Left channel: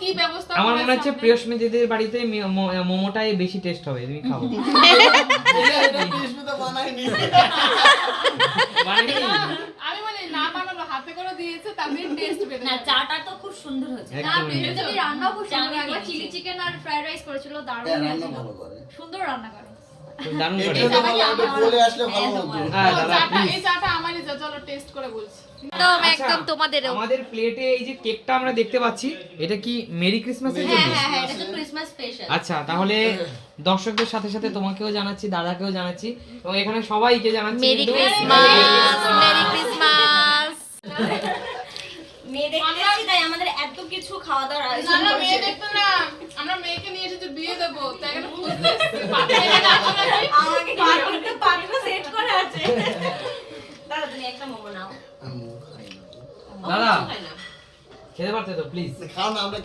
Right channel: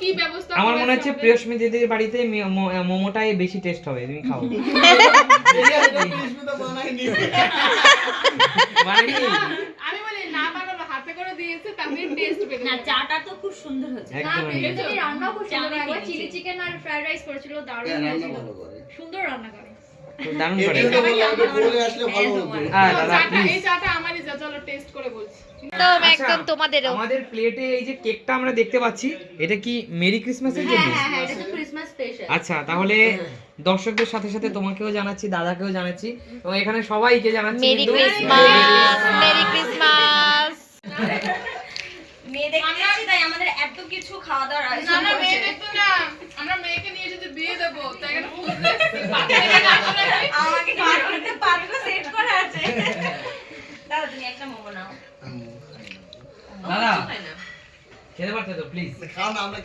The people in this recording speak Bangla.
কি ব্যবস্থা আমার মনে হচ্ছে প্রিয়স্মি দিদির বাড়িতে মোমোটাই বেশি টেস্ট হবে, তুমি খাও। আমি বলি না বানালো, হাতে করে দিয়েছে, তাদের টেস্ট বের না। চাটা তো খুব সুন্দর হয়েছে। না বেসিক্যালি রান্না খুব সুন্দর, একবার চিলি চিকেন আর ফ্রাইড রাইস করেছিল, দারুণ হয়েছিল, সুন্দর রান্না করে। দারুণ করে। বলে আসলে ভালো হতো। হ্যাঁ দাদা চাটা, প্লিজ। এই চাটা আমারই, চলো টেস্ট করে বলছি। একদম একদম তোমাদেরও। আমাদের প্লেটে এই যে কেকটা আমরা দেখতে পাচ্ছি, এটা কি মেরি ক্রিসমাসের জন্য? হ্যাঁ এটা তো ক্রিসমাস স্পেশাল। আচ্ছা, তাহলে দর্শকদের সাথে সাথে তোমাকেও জানাচ্ছি, দাদাকেও জানাচ্ছি এবং এখানে সবাইকে জানাচ্ছি মেরি কিন্তু- ক্রিসমাস, মেরি ক্রিসমাস। মেয়ে দেখতে এসেছি তাই আমাদের এত কিছু খাওয়া দাওয়ার আয়োজন আমরা মেয়ে করেছে। দেখতো না, আমরা মেয়েকে নিয়ে এসেছি বিয়ে দেবো, তাই এখানে খুঁজতে এসেছি, পাতে এনে রাখো না। আমাকে কার্টুনতে পাত্র সেট করা আছে। দাদা তুমি একটা মোমো নাও। দাদা খেতে পারতে তো প্লিজ। খাও না আমরা